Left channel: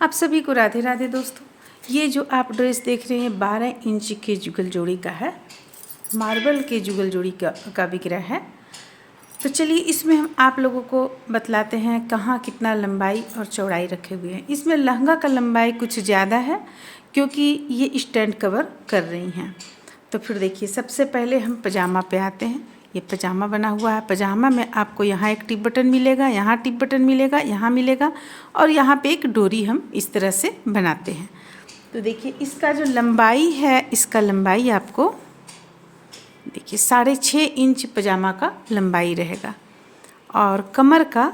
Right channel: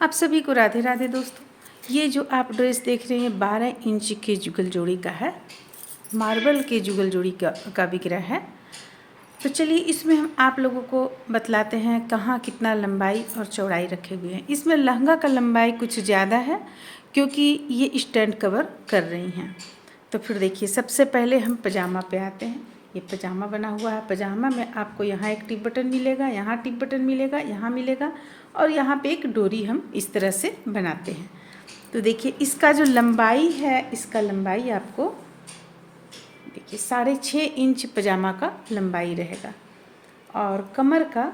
आप सभी को राधे राधे दोस्तों। ये जो आप ड्रेस देख रहे हैं 12 इंच के जुगल जोड़ी का है, मार्बल के जुगल जोड़ी का बिक रहा है। तो चलिए इसमें हम आप लोगों को बतलाते हैं कहाँ कितना लंबाई और चौड़ाई रखे हुए हैं। इसमें लहंगा का लंबाई कुछ ज़्यादा है क्योंकि ये स्टैंड कवर कर रही हैं। तो फिर देखिए सबसे पहले हम पजामा पे आते हैं। ये पजामा बना हुआ है। पजामा में आपको यहाँ एक टिप बटन मिलेगा, यहाँ टिप बटन मिलेगा, यहाँ मिलेगा और यहाँ पे एक डोरी हम इस तरह से बनाते हैं। तो देखिए इसका जो लंबाई है, इसका लंबाई आपको देखिए 6.5 इंच पजामा का लंबाई रहेगा और कमर का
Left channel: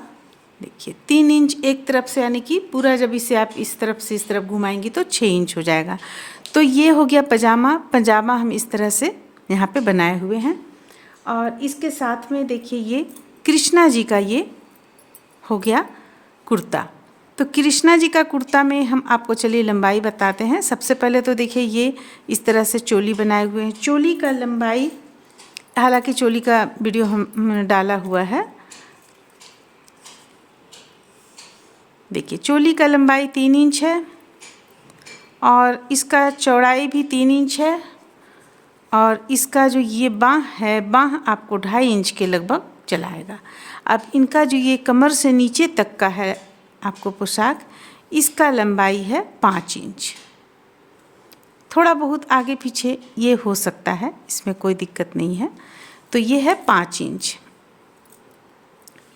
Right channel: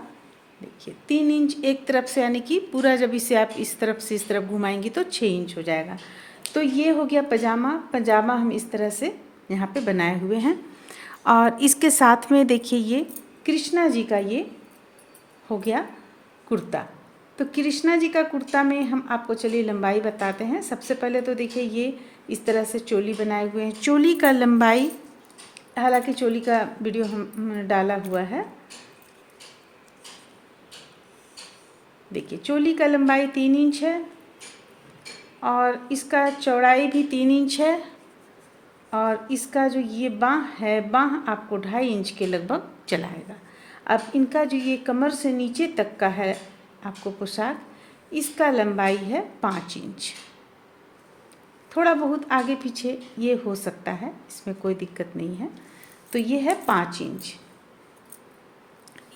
देखिए 3 इंच एक तरफ से, यानी कि पूरा जब इसे आप इस तरफ से इस तरफ घुमाएंगी तो 6 इंच हो जाएगा। तो ये हो गया पजामा। पजामा हम इस तरह से यहाँ पे बनाए हुए हैं और इसके साथ में देखिए ये कृष्णा जी का ये हो गया कुर्ता। तो कृष्णा जी का कुर्ता में हम आपको चलिए लंबाई बताते हैं। सबसे पहले तो देखिए ये इस तरह से चोली बनाए हुए हैं। चोली का लंबाई, हालांकि चोली का वीडियो हम डाला हुआ है। देखिए चोली का लंबाई 3 इंच है और इसका चौड़ाई भी 3 इंच है और इसका जो ये बाँह है, बाँह आपको 2.5 इंच के लगभग चलाएगा। अब इनका जो ये कमर से नीचे तक का है आपको पोशाक, इसका लंबाई है 5 इंच। थोड़ा बहुत आगे पीछे ये हो सकता है, इसमें कोई दिक्कत नहीं है। तो ये है 5 इंच।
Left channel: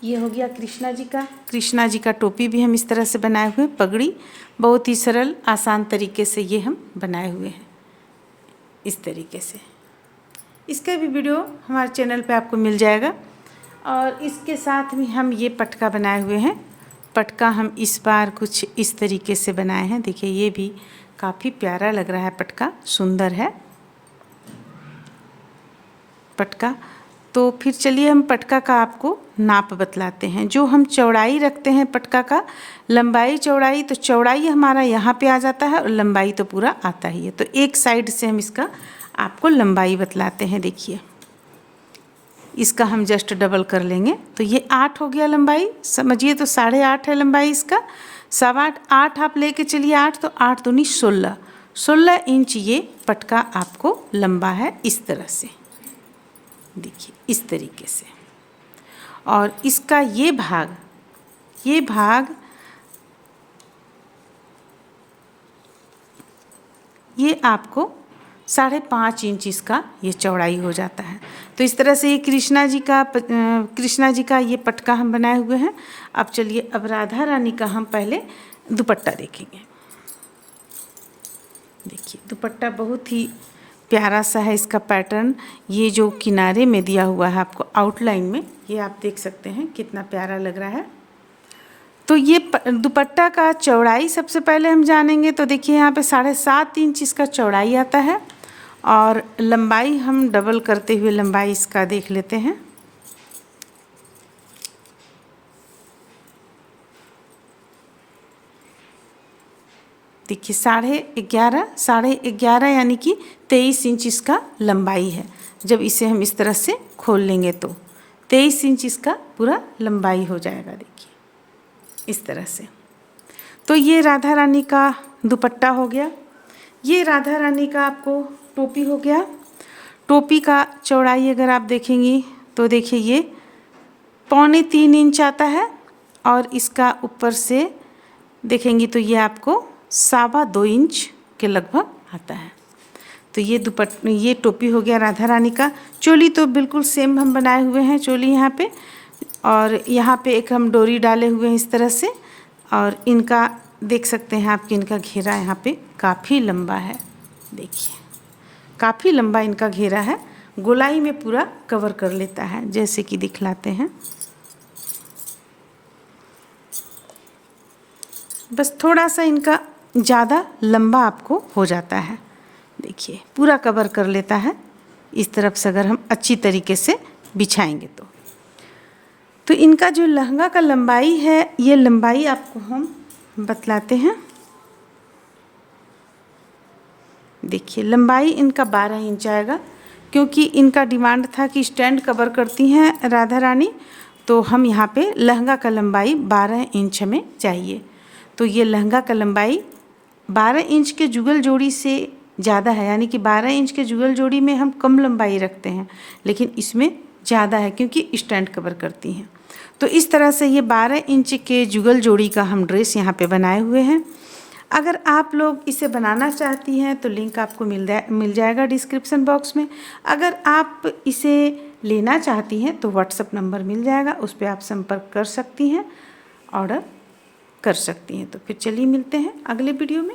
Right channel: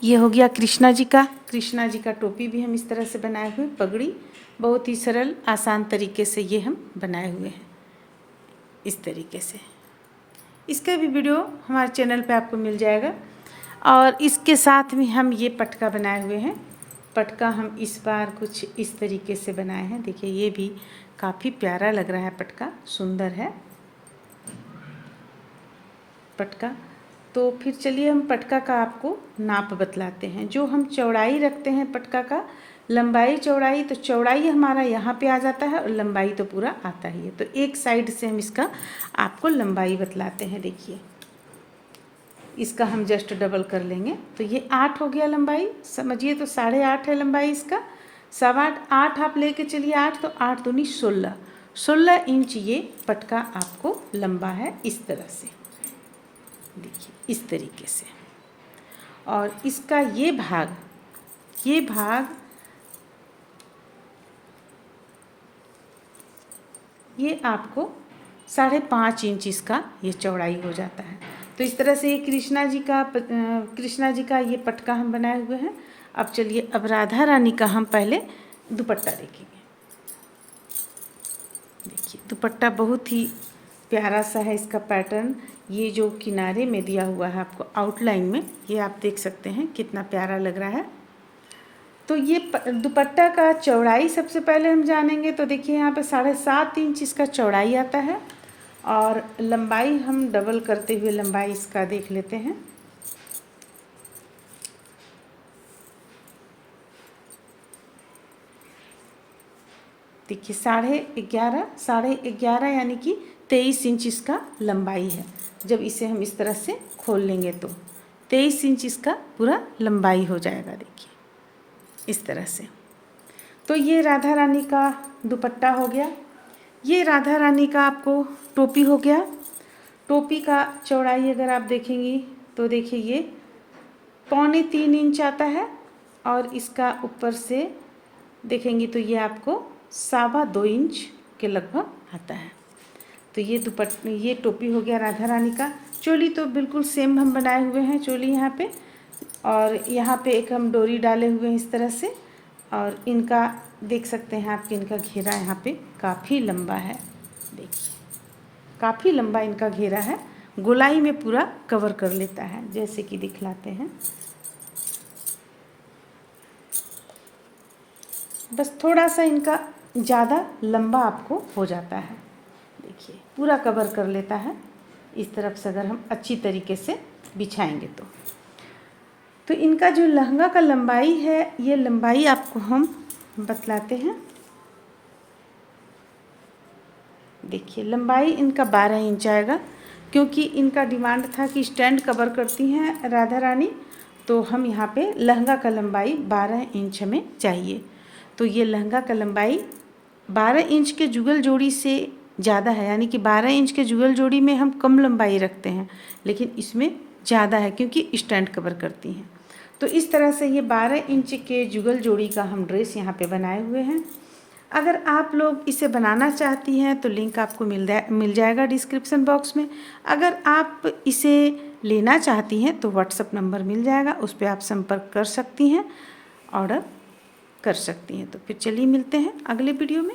ये हो गया कृष्णा जी का। कृष्णा जी का टोपी भी हम इस तरह से बनाए हुए, पगड़ी बहुत ही सरल आसान तरीके से ये हम बनाए हुए हैं इस तरीके से। इसका भी वीडियो हमारे चैनल पे आपको मिल जाएगा। और इसके साथ में हम ये पटका बनाए हुए हैं। पटका हम इस बार कुछ इस तरीके से बनाए हैं। देखिए ये भी काफ़ी प्यारा लग रहा है, पटका सुंदर है पटका। तो फिर चलिए हम पटका का आपको नाप बतलाते हैं। जो हम चौड़ाई रखते हैं पटका का, लंबाई चौड़ाई, तो चौड़ाई हमारा यहाँ पे आ जाता है और लंबाई तो पूरा आता ही है। तो एक साइड से हम इसका आपको लंबाई बतलाते हैं। देखिए इसका हम जस्ट डबल कर लेंगे तो ये 8 हो गया लंबाई, समझिए। तो 8.5 है लंबाई इसका। 8.25 8 आप लेके चलिए 8, तो 8 दूनी 16 इंच ये पटका आपको लंबा है इस तरह से। देखिए इस तरीके से। और इसका ये भाग ये आपको 5.5 इंच इसका ये चौड़ाई हो जाता है। तो इस तरह से ये कृष्णा जी का ये पटका हम बनाए हुए हैं। अब चलिए अब राधा रानी का हम पहले दुपट्टा देखेंगे। देखिए दुपट्टा बहुत ही प्यारा सा है इसका पैटर्न। ये जो किनारे में दिया हुआ है आपको आउटलाइन में, ये आप देख सकते हैं कितना प्यारा लग रहा है। तो ये दुपट्टा का चौड़ाई सबसे पहले हम जानेंगे। तो देखिए यहाँ पे 7.5 इंच इसका चौड़ाई आता है और लंबाई हम डबल करते हुए लंबाई इसका देख लेते हैं। देखिए 11.5 यानी कि 23 इंच इसका लंबाई है। जब इसे हम इस तरह से खोल लेंगे तो 23 इंच इसका पूरा लंबाई हो जाएगा। देखिए इस तरह से। तो ये राधा रानी का दुपट्टा हो गया। ये राधा रानी का आपको टोपी हो गया। टोपी का चौड़ाई अगर आप देखेंगी तो देखिए ये 2.25 इंच आता है और इसका ऊपर से देखेंगी तो ये आपको 2.25 इंच के लगभग आता है। तो ये टोपी हो गया राधा रानी का। चोली तो बिल्कुल सेम हम बनाए हुए हैं चोली यहाँ पे, और यहाँ पे एक हम डोरी डाले हुए हैं इस तरह से। और इनका देख सकते हैं आप कि इनका घेरा यहाँ पे काफ़ी लंबा है। देखिए काफ़ी लंबा इनका घेरा है, गोलाई में पूरा कवर कर लेता है, जैसे कि दिखलाते हैं। बस थोड़ा सा इनका ज़्यादा लंबा आपको हो जाता है। देखिए पूरा कवर कर लेता है इस तरफ से अगर हम अच्छी तरीके से बिछाएंगे तो इनका जो लहंगा का लंबाई है, ये लंबाई आपको हम बतलाते हैं। देखिए लंबाई इनका 12 इंच आएगा क्योंकि इनका डिमांड था कि स्टैंड कवर करती हैं राधा रानी, तो हम यहाँ पे लहंगा का लंबाई 12 इंच हमें चाहिए। तो ये लहंगा का लंबाई 12 इंच के जुगल जोड़ी से ज़्यादा है, यानी कि 12 इंच के जुगल जोड़ी में हम कम लंबाई रखते हैं, लेकिन इसमें ज़्यादा है क्योंकि स्टैंड कवर करती हैं। तो इस तरह से ये 12 इंच के जुगल जोड़ी का हम ड्रेस यहाँ पे बनाए हुए हैं। अगर आप लोग इसे बनाना चाहती हैं तो लिंक आपको मिल जाएगा डिस्क्रिप्शन बॉक्स में। अगर आप इसे लेना चाहती हैं तो व्हाट्सएप नंबर मिल जाएगा, उस पर आप संपर्क कर सकती हैं, ऑर्डर कर सकती हैं। तो फिर चलिए मिलते हैं अगले वीडियो में।